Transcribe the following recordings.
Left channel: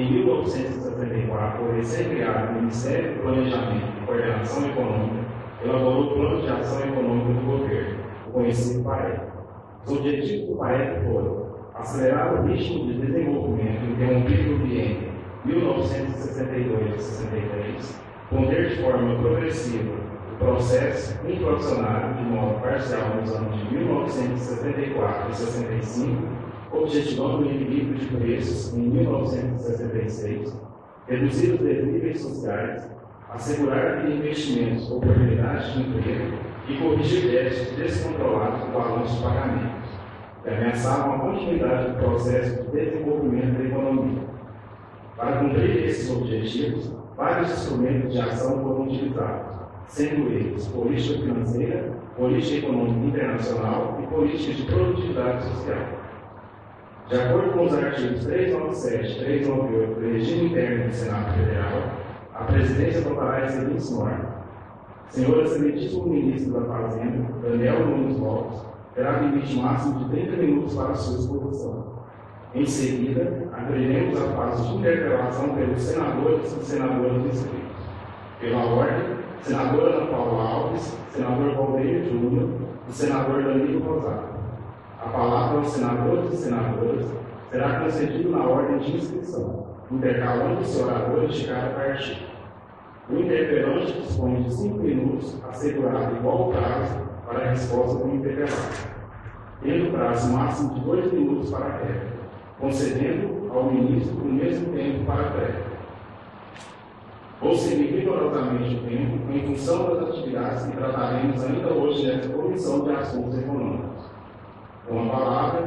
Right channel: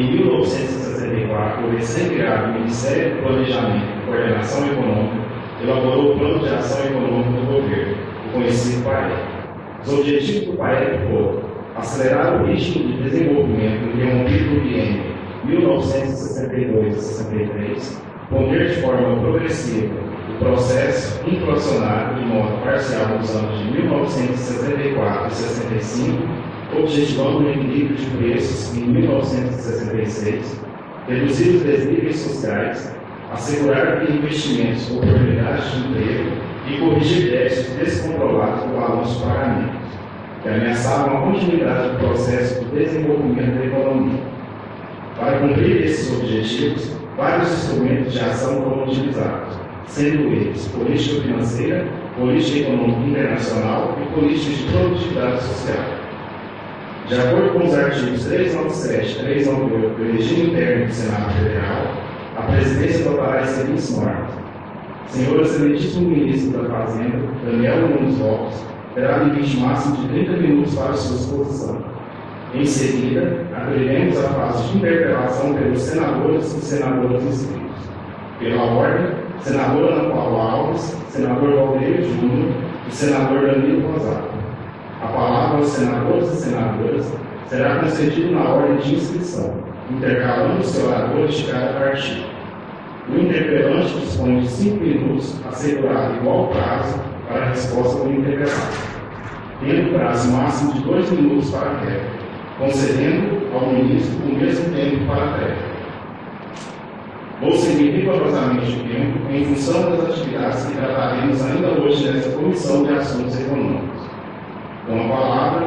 Em 1964, o recém-criado Ministério do Planejamento e Coordenação Econômica elaborou o Plano de Ação Econômica do Governo, o conhecido PAE. Os objetivos do PAE foram acelerar o ritmo de desenvolvimento interrompido no biênio 1962-63, conter de forma progressiva o processo inflacionário em modo parcial nos anos de 1964 e 65, objetivando o equilíbrio de preços em 1966, reduzir os desníveis sociais, assegurar que investimentos com oportunidades de emprego e corrigir déficits descontrolados do balanço de pagamentos, que ameaçavam a continuidade do processo de desenvolvimento da economia. Para cumprir esses objetivos, vários instrumentos de ação foram utilizados, sendo eles política financeira, política econômica internacional e política de produtividade social. De acordo com os artigos 397 e 398 do regime interno do Senado Federal, a presidência votará as seguintes normas. Senhor Excelentíssimo Ministro da Fazenda, Daniel Nunes Lopes, terá limite máximo de 30 minutos para sua exposição. Em seguida, abriremos a fase de interpelação pelos senadores e senadoras inscritos. Pela ordem, senador Ana Paula Alves, senador Valdeiro Júnior e senador Danilo Rosato. A palavra aos senadores e senadoras será concedida na ordem de inscrição, intercalando os oradores de cada partido. O interpelante dispõe de 5 minutos, assegurado igual prazo para a resposta do interpelado, tendo prazo máximo de 2 minutos para a réplica, concedendo ao ministro o mesmo tempo para a réplica. Vou seguir rigorosamente o tempo em função das atividades que trataremos ainda hoje nesta Comissão de Assuntos Econômicos. Com a palavra,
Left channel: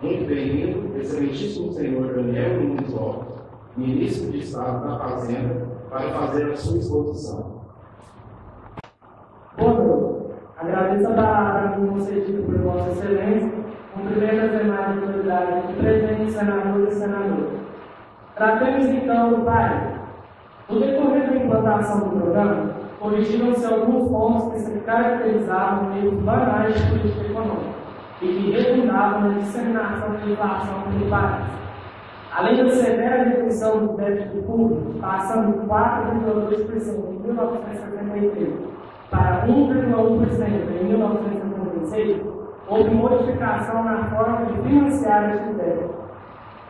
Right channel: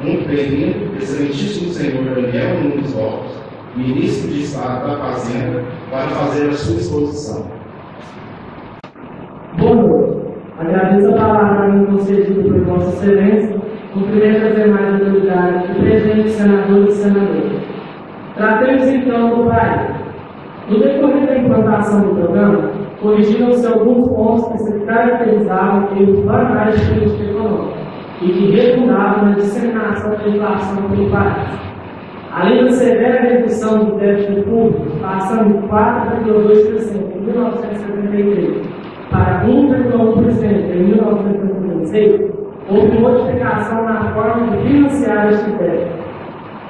muito bem-vindo, excelentíssimo senhor Daniel Nunes Lopes, ministro de Estado da Fazenda, para fazer a sua exposição. Boa noite. Agradeço a palavra me concedida por Vossa Excelência. Cumprimento as demais autoridades e presentes senadores e senadoras. Tratemos então do PAE. No decorrer da implantação do programa, corrigiram-se alguns pontos que se caracterizavam pelos banais de política econômica e que redundavam na disseminação da inflação pelo país. Além da severa redução do déficit público, passando de 4,2% em 1973 para 1,1% em 1976, houve modificação na forma de financiar este déficit.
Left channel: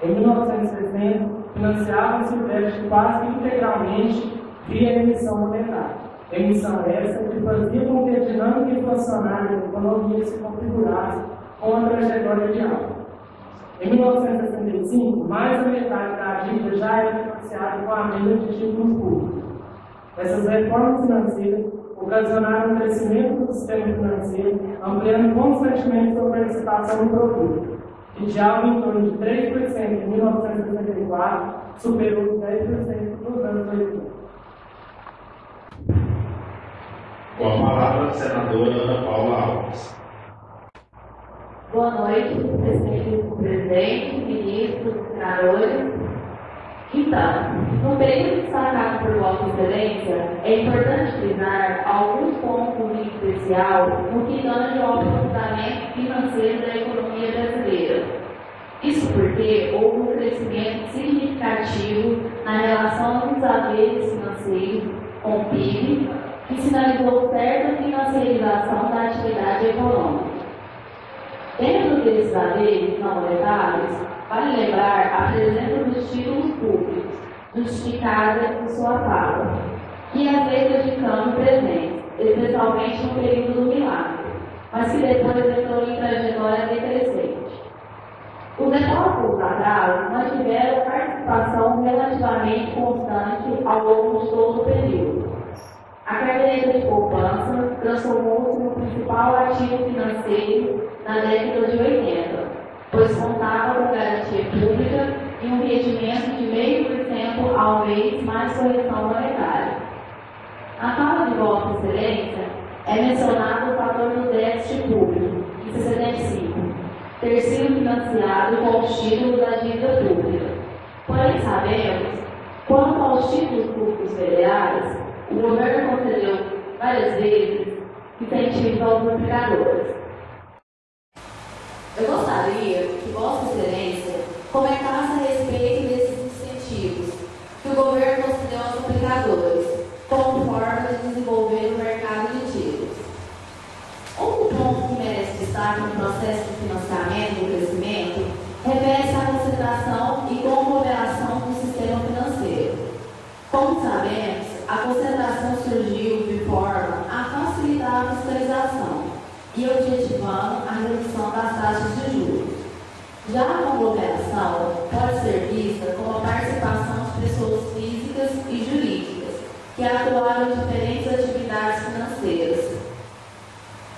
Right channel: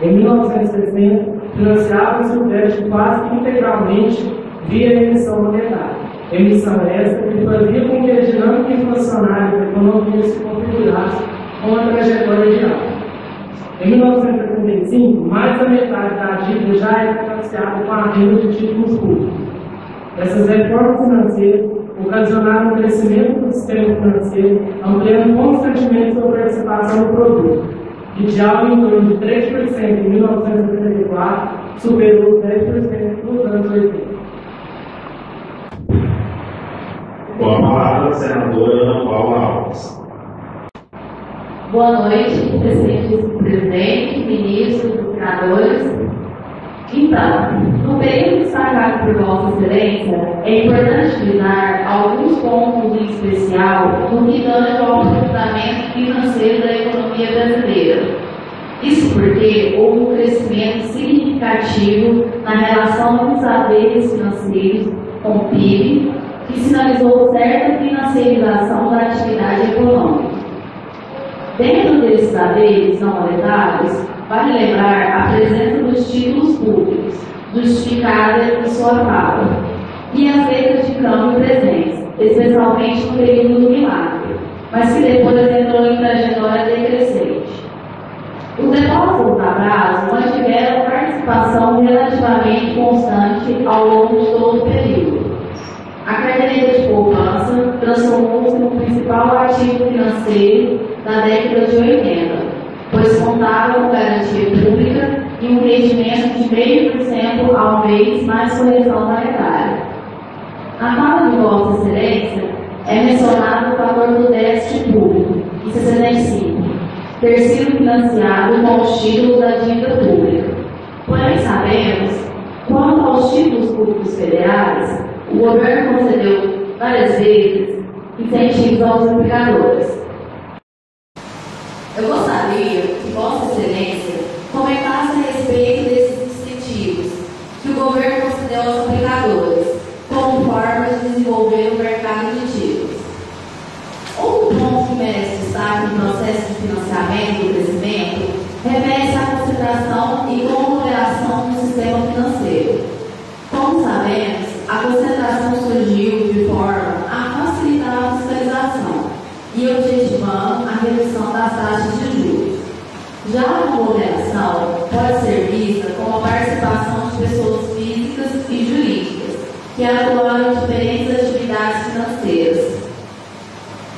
Em 1960, financiava-se o déficit quase integralmente via emissão monetária. Emissão essa que fazia com que a dinâmica inflacionária da economia se configurasse com a trajetória de alta. Em 1965, mais da metade da dívida já era financiada com a venda de títulos públicos. Essas reformas financeiras ocasionaram o crescimento do sistema financeiro, ampliando constantemente sua participação no produto, que de algo em torno de 3% em 1974 superou os 10% nos anos 80. Com a palavra, a senadora Ana Paula Alves. Boa noite, presidente, ministros, senadores. Então, no período destacado por Vossa Excelência, é importante frisar alguns pontos em especial no que tange ao aprofundamento financeiro da economia brasileira. Isso porque houve um crescimento significativo na relação dos haveres financeiros com o PIB, que sinalizou certa financiarização da atividade econômica. Dentro desses haveres não monetários, vale lembrar a presença dos títulos públicos, justificada em sua fala, e as letras de câmbio presentes, especialmente no período do milagre, mas que depois entrou em trajetória decrescente. Os depósitos a prazo mantiveram participação relativamente constante ao longo de todo o período. A carteira de poupança transformou-se no principal ativo financeiro da década de 80, pois contava com garantia pública e um rendimento de 0,5% ao mês mais correção monetária. Na fala de Vossa Excelência, é mencionado o fator do déficit público, em 65, ter sido financiado com os títulos da dívida pública. Porém, sabemos, quanto aos títulos públicos federais, o governo concedeu várias vezes incentivos aos aplicadores. Eu gostaria que Vossa Excelência comentasse a respeito desses incentivos que atuaram em diferentes atividades financeiras.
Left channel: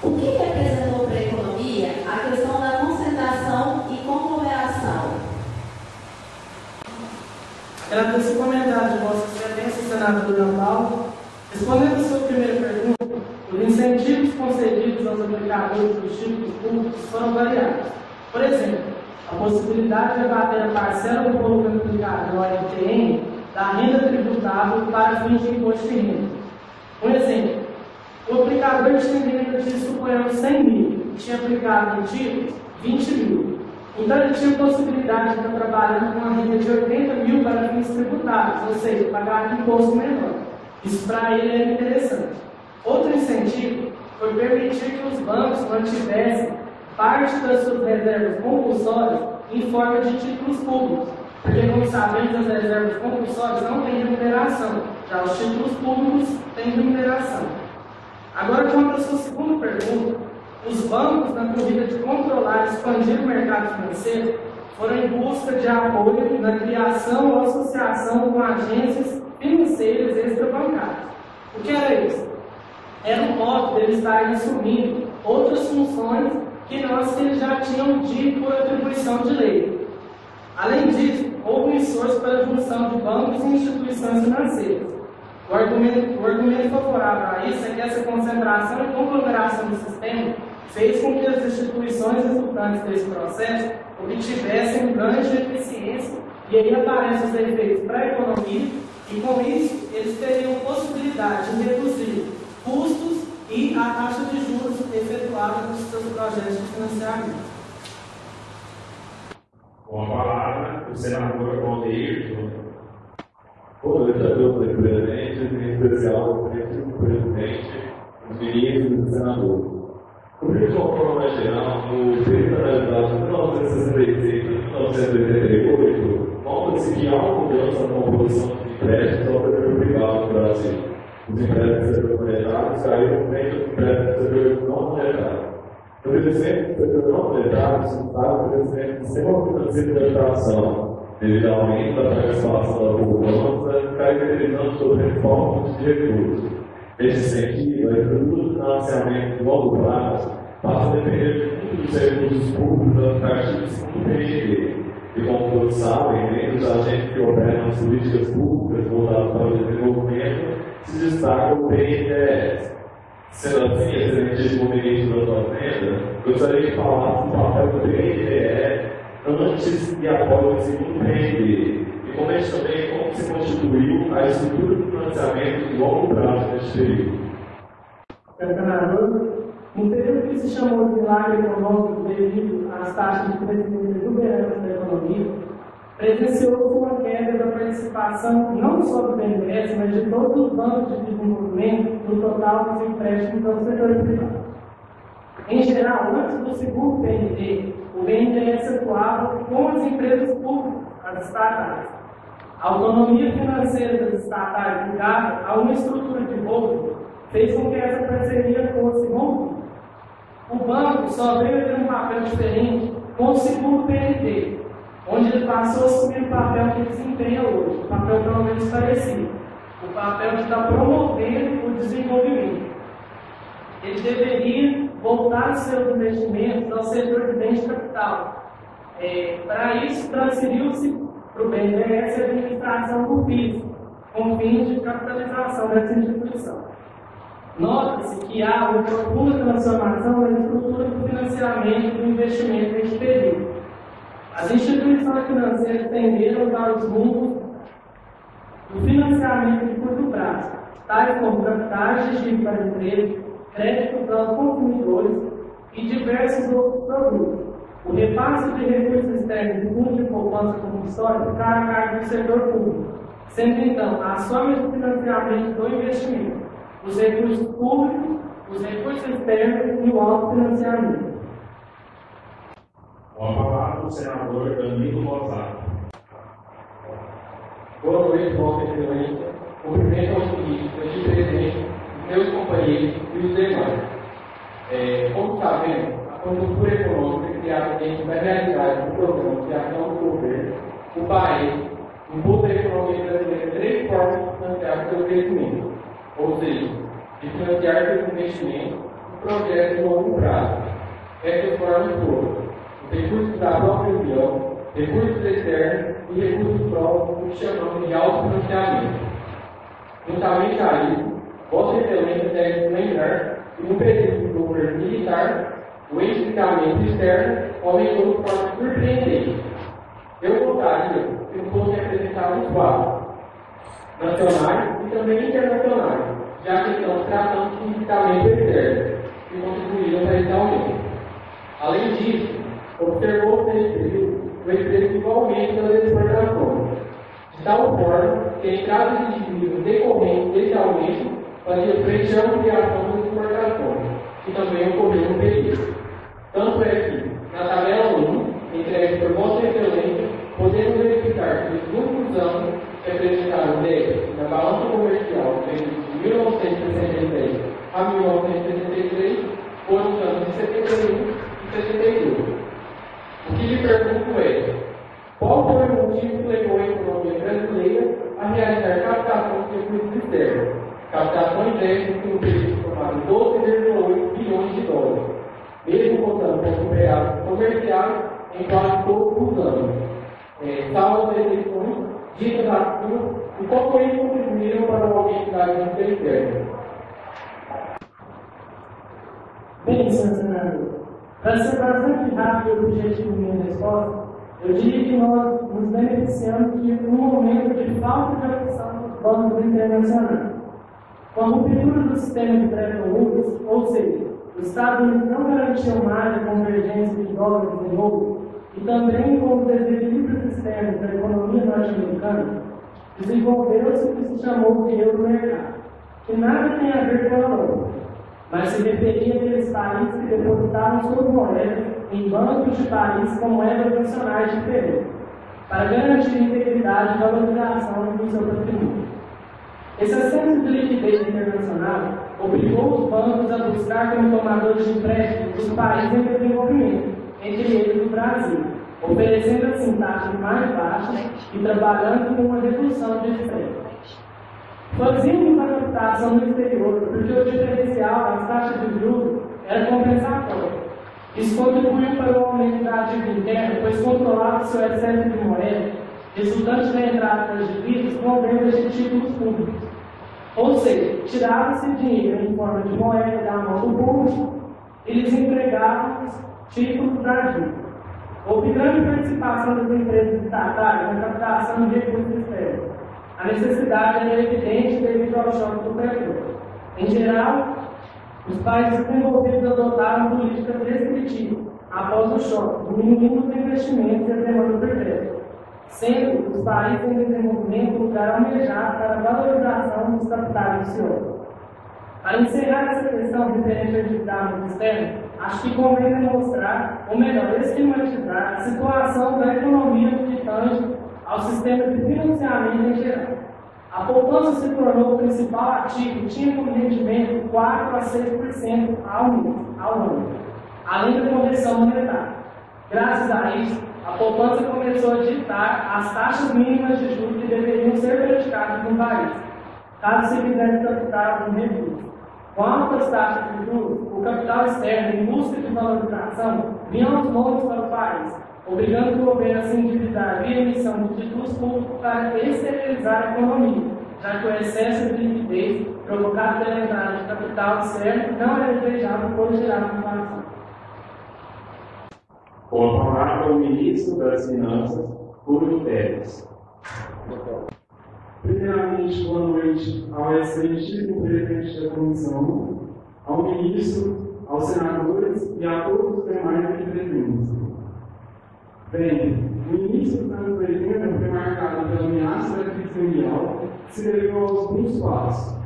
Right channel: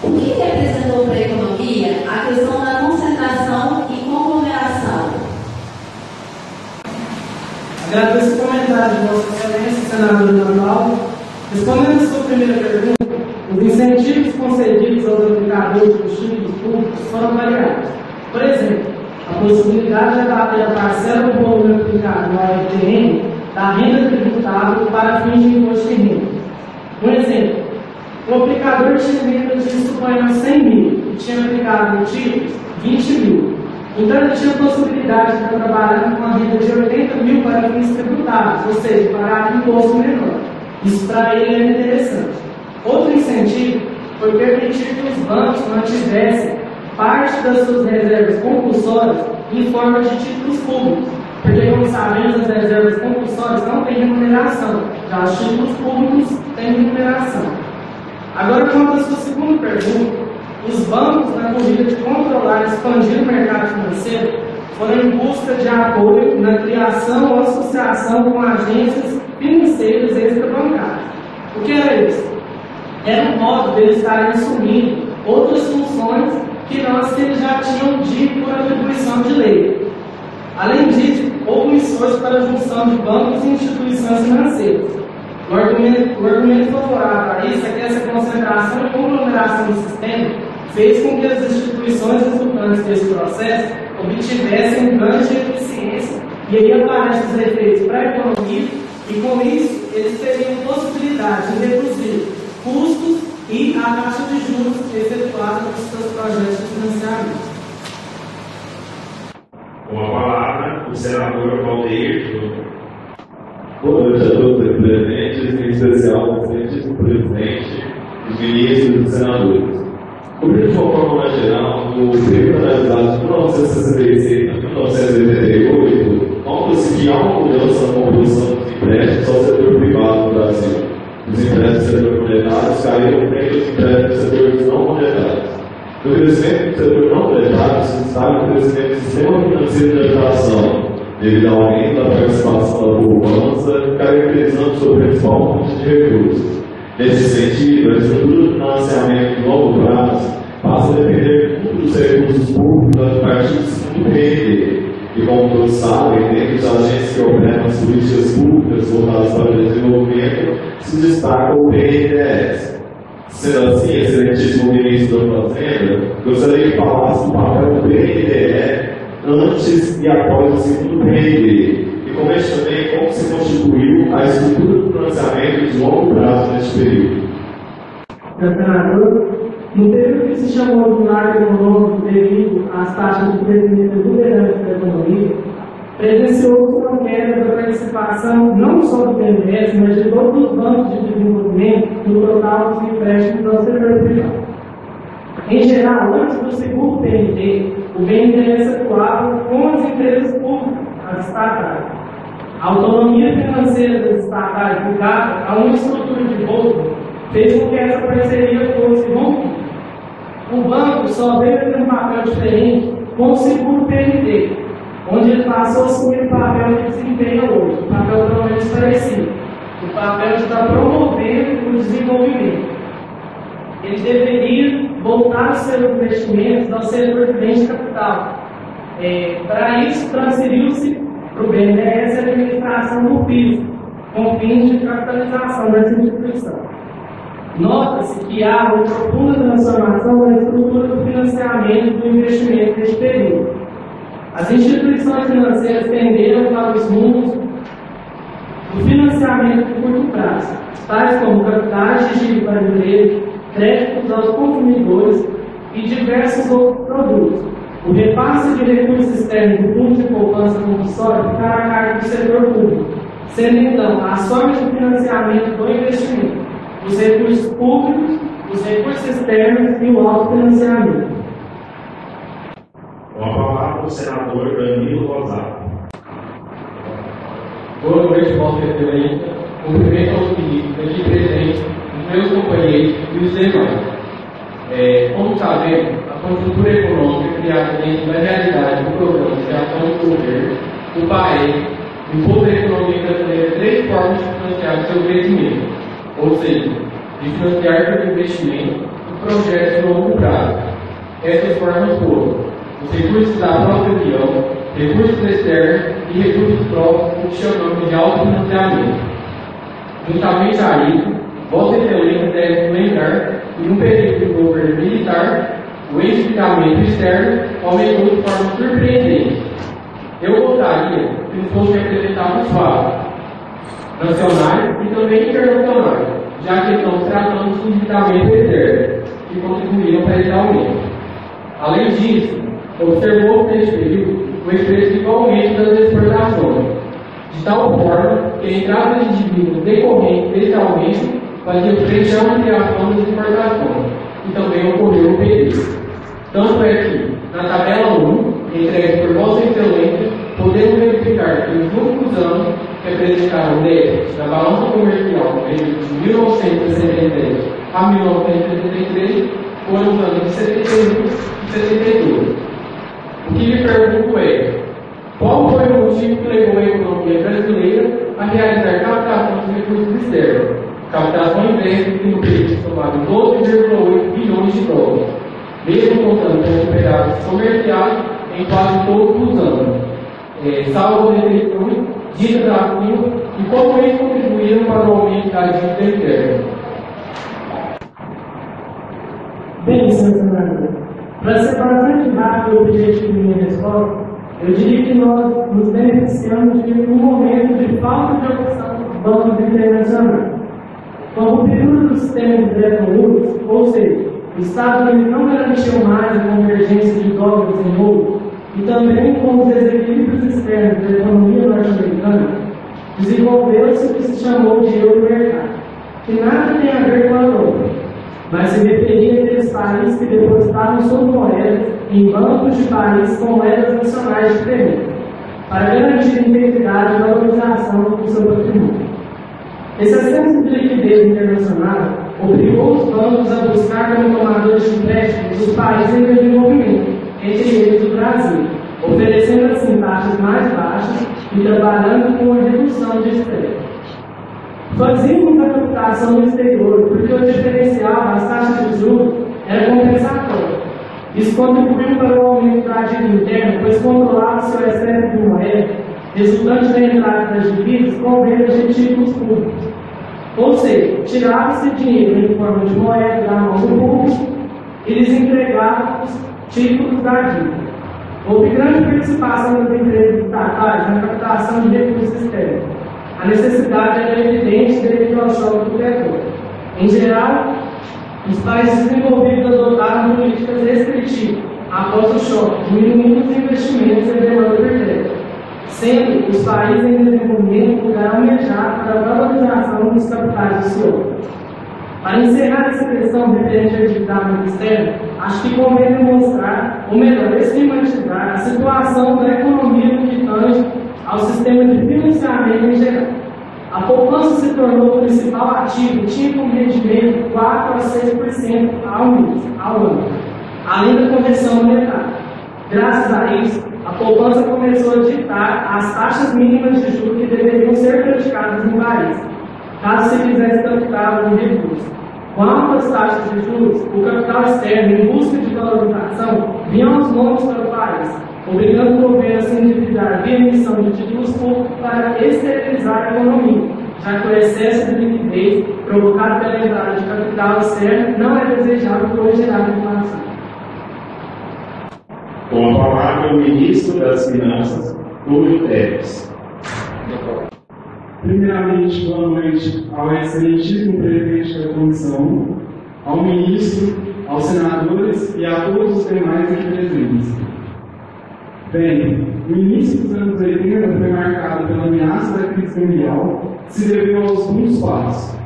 O que representou para a economia a questão da concentração e conglomeração? Agradeço o comentário de Vossa Excelência, senador Ana Paula. Respondendo a sua primeira pergunta, os incentivos concedidos aos aplicadores dos títulos públicos foram variados. Por exemplo, a possibilidade de abater a parcela do volume aplicado no AFTN da renda tributável para fins de imposto de renda. Um exemplo, o aplicador tinha renda de, suponhamos, 100 mil e tinha aplicado em títulos 20 mil. Então ele tinha a possibilidade de estar trabalhando com uma renda de 80 mil para fins tributáveis, ou seja, pagar imposto menor. Isso para ele era interessante. Outro incentivo foi permitir que os bancos mantivessem parte das suas reservas compulsórias em forma de títulos públicos, porque, como sabemos, as reservas compulsórias não têm remuneração, já os títulos públicos têm remuneração. Agora, quanto à sua segunda pergunta, os bancos, na corrida de controlar e expandir o mercado financeiro, foram em busca de apoio na criação ou associação com agências financeiras extrabancárias. O que era isso? Era um modo deles estarem assumindo outras funções que não as que eles já tinham de por atribuição de lei. Além disso, houve um esforço para a junção de bancos e instituições financeiras. O argumento favorável a isso é que essa concentração e conglomeração do sistema fez com que as instituições resultantes desse processo obtivessem ganhos de eficiência, e aí aparecem os efeitos para a economia, e com isso eles teriam possibilidade de reduzir custos e a taxa de juros efetuada nos seus projetos de financiamento. Com a palavra, o senador Valdeir Júnior. Boa noite a todos aqui presentes, em especial ao presidente, os ministros e os senadores. Como de uma forma mais geral, no período analisado de 1966 a 1988, nota-se que há uma mudança na composição dos empréstimos ao setor privado no Brasil. Os empréstimos do setor monetário caíram frente aos empréstimos do setor não monetário. No crescimento do setor não monetário se destaca o crescimento do sistema financeiro de habitação, devido ao aumento da participação da poupança, caracterizando sua principal fonte de recursos. Nesse sentido, a estrutura de financiamento de longo prazo passa a depender muito dos recursos públicos a partir do segundo PND. E como todos sabem, dentre os agentes que operam as políticas públicas voltadas para o desenvolvimento, se destaca o BNDES. Sendo assim, excelentíssimo ministro da Fazenda, gostaria que falasse do papel do BNDE antes e após o segundo PND, e comente também como se constituiu a estrutura do financiamento de longo prazo neste período. Senador, no período que se chamou de marco econômico devido às taxas de crescimento exuberantes da economia, presenciou-se uma queda da participação não só do BNDES, mas de todos os bancos de desenvolvimento no total dos empréstimos ao setor privado. Em geral, antes do segundo PND, o BNDES atuava com as empresas públicas, as estatais. A autonomia financeira das estatais ligada a uma estrutura de holding fez com que essa parceria fosse rompida. O banco só veio ter um papel diferente com o segundo PND, onde ele passou a assumir o papel que desempenha hoje, o papel pelo menos parecido, o papel de estar promovendo o desenvolvimento. Ele deveria voltar os seus investimentos ao setor de bens de capital. Para isso, transferiu-se para o BNDES a administração do piso, com fins de capitalização dessa instituição. Nota-se que há uma profunda transformação na estrutura do financiamento e do investimento neste período. As instituições financeiras tenderam para os rumos do financiamento de curto prazo, tais como capitais de giro para empresas, créditos aos consumidores e diversos outros produtos. O repasse de recursos externos do fundo de poupança compulsória ficará a cargo do setor público, sendo então as formas de financiamento do investimento, os recursos públicos, os recursos externos e o autofinanciamento. Com a palavra, o senador Danilo Rosato. Boa noite, Vossa Excelência. Cumprimento aos ministros aqui presentes, os meus companheiros e os demais. Como sabemos, a conjuntura econômica criada dentro da realidade do programa de ação do governo, o PAE, impôs à economia brasileira 3 formas de financiar o seu crescimento: ou seja, de financiar pelo investimento e projetos de longo prazo. Essas formas foram os recursos da própria União, recursos externos e recursos próprios, o que chamamos de autofinanciamento. Juntamente a isso, Vossa Excelência deve lembrar que no período do governo militar, o endividamento externo aumentou de forma surpreendente. Eu gostaria que não fosse apresentado os fatos nacionais e também internacionais, já que estamos tratando de endividamento externo, que contribuíram para esse aumento. Além disso, observou neste período o expressivo aumento das exportações, de tal forma que a entrada de dívidas decorrente desse aumento fazia frente à ampliação das exportações, e também ocorreu no período. Tanto é que, na tabela 1, entregue por Vossa Excelência, podemos verificar que nos últimos anos que apresentaram o déficit da balança comercial no período de 1963 a 1963 foram os anos de 71 e 72. O que lhe pergunto é: qual foi o motivo que levou a economia brasileira a realizar captação de recursos externos? Captação inversa que no período somado 12,8 bilhões de dólares, mesmo contando com superávites comerciais em quase todos os anos, salvo as eleições ditas acima, e como eles contribuíram para o aumento da dívida interna. Bem, senhor senador, para ser bastante rápido o objetivo de minha resposta, eu diria que nós nos beneficiamos de um momento de falta de opção dos bancos internacionais. Com o período do sistema de Bretton Woods, ou seja, o Estado ainda não garantiu mais a convergência de dólares em ouro, e também com os desequilíbrios externos da economia norte-americana, desenvolveu-se o que se chamou de euro-mercado, que nada tem a ver com a Europa, mas se referia àqueles países que depositavam suas moedas em bancos de países com moedas nacionais diferentes, para garantir a integridade e valorização do seu patrimônio. Esse excesso de liquidez internacional obrigou os bancos a buscar como tomadores de empréstimos os países em desenvolvimento, entre eles o Brasil, oferecendo assim taxas mais baixas e trabalhando com a redução de estresse. Fazíamos a captação no exterior porque o diferencial das taxas de juros era compensatório. Isso contribuiu para o aumento da dívida interna, pois controlava-se o excesso de moeda, resultante da entrada das dívidas com vendas de títulos públicos. Ou seja, tirava-se dinheiro em forma de moeda da mão do público e lhes entregava os títulos da dívida. Houve grande participação das empresas estatais na captação de recursos externos. A necessidade era evidente devido ao choque do petróleo. Em geral, os países desenvolvidos adotaram políticas restritivas após o choque, diminuindo os investimentos e a demanda por crédito, sendo os países em desenvolvimento lugar almejado para a valorização dos capitais do senhor. Para encerrar essa questão referente ao endividamento externo, acho que convém demonstrar, ou melhor, esquematizar a situação da economia no que tange ao sistema de financiamento em geral. A poupança se tornou o principal ativo e tinha como rendimento 4 a 6% ao ano, além da correção monetária. Graças a isso, a poupança começou a ditar as taxas mínimas de juros que deveriam ser praticadas no país, caso se quisesse captar algum recurso. Com altas taxas de juros, o capital externo, em busca de valorização, vinha aos lombos para o país, obrigando o governo a se endividar via emissão de títulos públicos para esterilizar a economia, já que o excesso de liquidez provocado pela entrada de capital externo não é desejável por gerar inflação. Com a palavra, o ministro das Finanças, Rubem Teves. Primeiramente, boa noite ao excelentíssimo presidente da comissão, ao ministro, aos senadores e a todos os demais aqui presentes. Bem, o início dos anos 80 foi marcado pela ameaça da crise mundial, que se deveu aos seguintes fatos:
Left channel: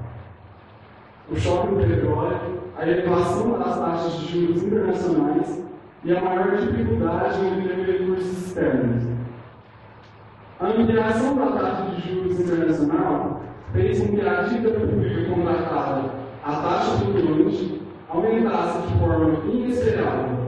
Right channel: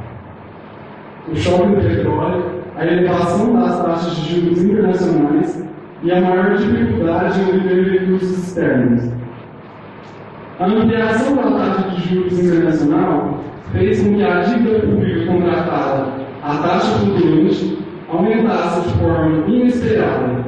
o choque do petróleo, a elevação das taxas de juros internacionais e a maior dificuldade em obter recursos externos. A ampliação da taxa de juros internacional fez com que a dívida pública contratada a taxa flutuante aumentasse de forma inesperada.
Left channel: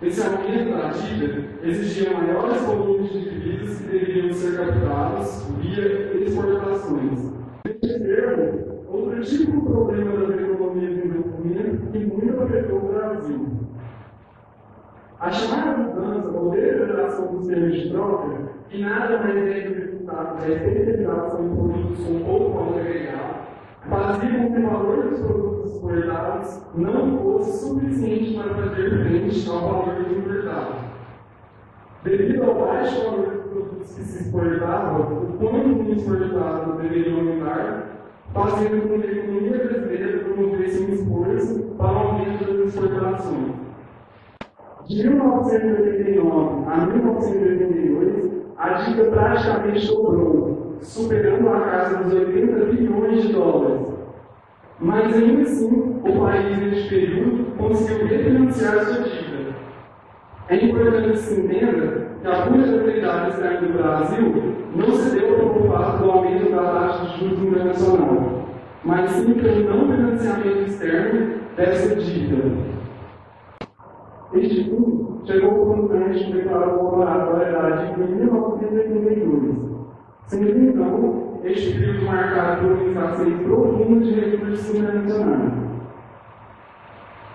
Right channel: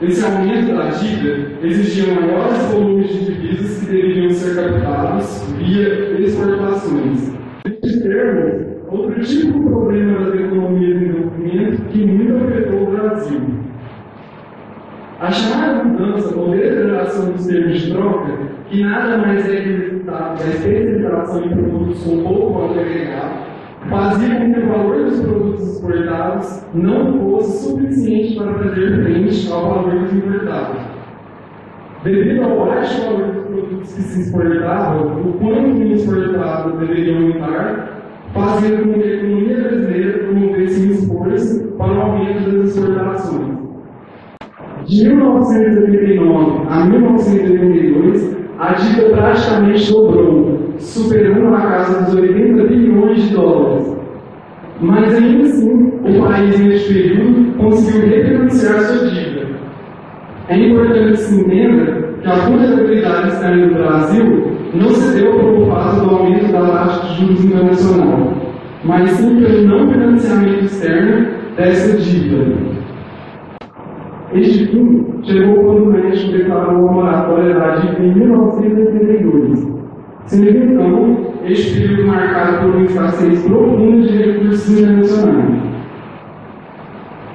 Esse aumento da dívida exigia maiores volumes de divisas que deveriam ser captados via exportações. Neste termo, outro tipo de problema da economia de desenvolvimento que muito afetou o Brasil. A chamada mudança ou deterioração dos termos de troca, que nada mais é que o resultado da especialização em produtos com pouco valor agregado, fazia com que o valor dos produtos exportados não fosse suficiente para fazer frente ao valor dos importados. Devido ao baixo valor dos produtos que se exportavam, o quanto o exportado deveria aumentar, fazendo com que a economia brasileira promovesse um esforço para o aumento das exportações. De 1989 a 1982, a dívida praticamente dobrou, superando a casa dos 80 bilhões de dólares. Mas ainda assim, o país neste período conseguiu refinanciar sua dívida. É importante que se entenda que a vulnerabilidade externa do Brasil não se deu por fato do aumento da taxa de juros internacional, mas sim pelo não financiamento externo dessa dívida. Este fim chegou quando o México declarou a moratória da dívida em 1982, sendo então este período marcado por uma escassez profunda de recursos internacionais.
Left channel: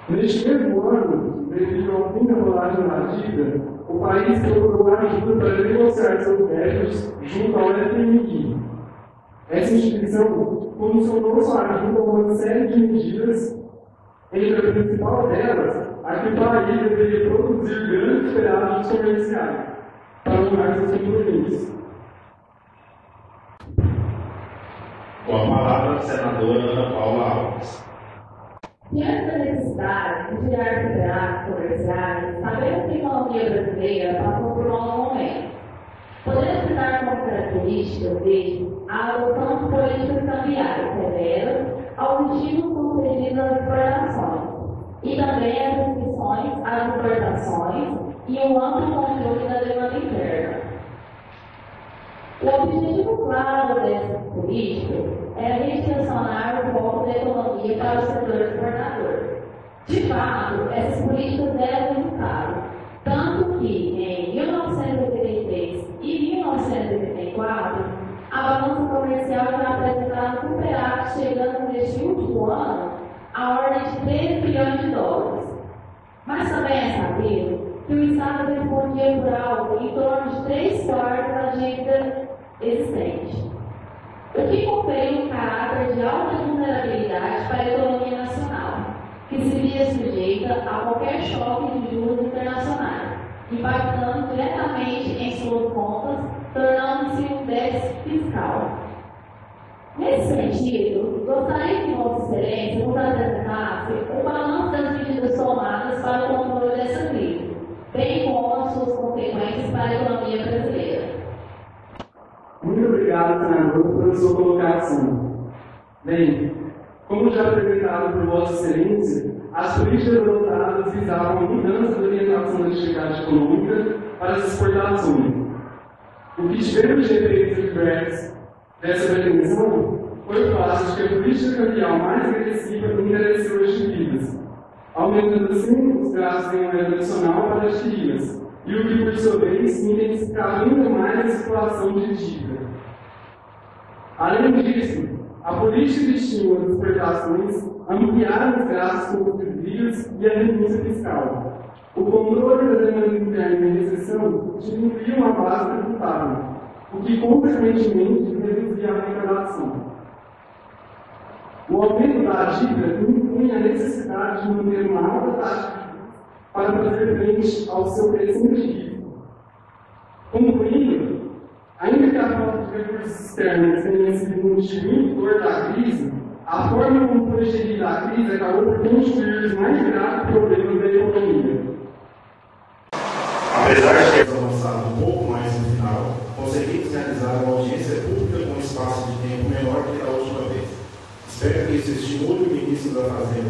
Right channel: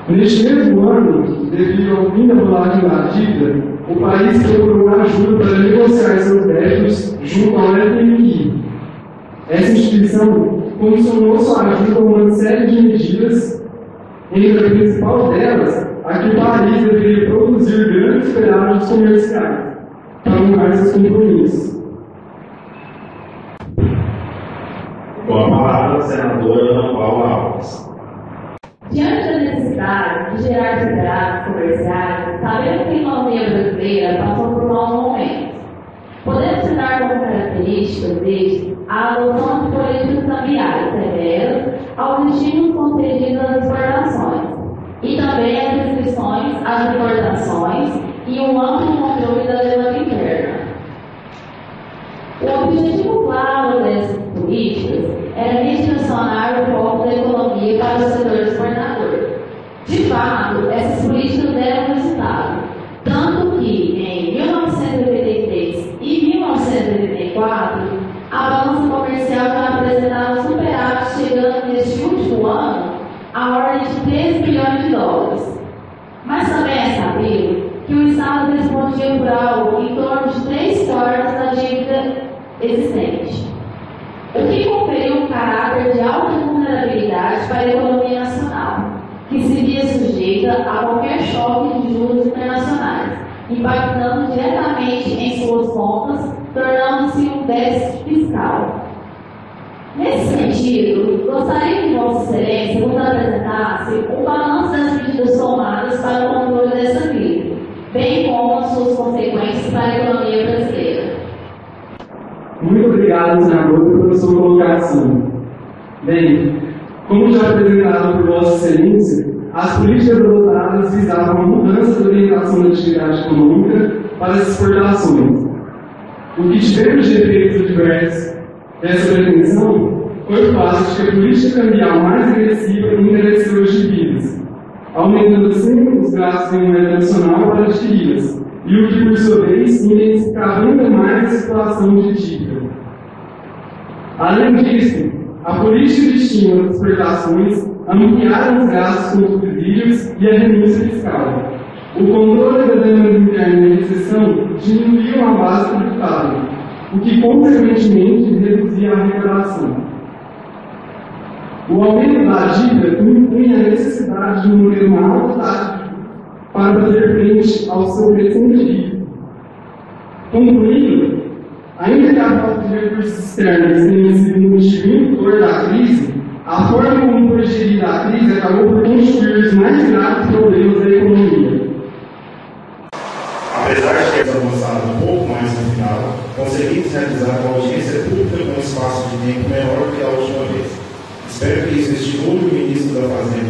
Neste mesmo ano, devido ao fim da rolagem da dívida, o país procurou ajuda para negociar seus débitos junto ao FMI. Essa instituição funcionou sua ajuda com uma série de medidas, entre a principal delas, a que o país deveria produzir grandes pedágios comerciais para honrar seus compromissos. Com a palavra, a senadora Ana Paula Alves. Diante da necessidade de gerar superávitos comerciais, sabemos que a economia brasileira passou por um mau momento. Podemos citar como características desde a adoção de políticas cambiais severas aos estímulos concedidos às exportações, e também as restrições às importações e um amplo controle da demanda interna. O objetivo claro dessas políticas era redirecionar o foco da economia para o setor exportador. De fato, essas políticas deram resultado, tanto que em 1983 e 1984, a balança comercial já apresentava superávit, chegando neste último ano a ordem de 13 bilhões de dólares. Mas também é sabido que o Estado respondia por algo em torno de 3/4 da dívida existente, o que conferiu um caráter de alta vulnerabilidade para a economia nacional, que se via sujeita a qualquer choque de juros internacionais, impactando diretamente em suas contas, tornando-se um déficit fiscal. Nesse sentido, gostaria que Vossa Excelência nos apresentasse o balanço das medidas tomadas para o controle dessa crise, bem como as suas consequências para a economia brasileira. Muito obrigado, senador, pela sua colocação. Bem, como já apresentado por Vossa Excelência, as políticas adotadas visavam a mudança da orientação da atividade econômica para as exportações. O que tivemos de efeitos adversos dessa pretensão foi o fato de que a política cambial mais agressiva encareceu as dívidas, aumentando assim os gastos em moeda nacional para adquiridas, e o que, por sua vez, intensificava ainda mais a situação de dívida. Além disso, a política de estímulo às exportações ampliaram os gastos com subsídios e a renúncia fiscal. O controle da demanda interna e a recessão diminuiu a base tributária, o que, consequentemente, reduzia a arrecadação. O aumento da dívida impunha a necessidade de manter uma alta taxa para fazer frente ao seu crescimento. Concluindo, ainda que a falta de recursos externos tenha sido um motivo indutor da crise, a forma como foi gerida a crise acabou por construir os mais graves problemas da economia. Apesar de termos avançado um pouco mais no final, conseguimos realizar uma audiência pública com um espaço de tempo menor que a última vez. Espero que isso estimule o ministro da Fazenda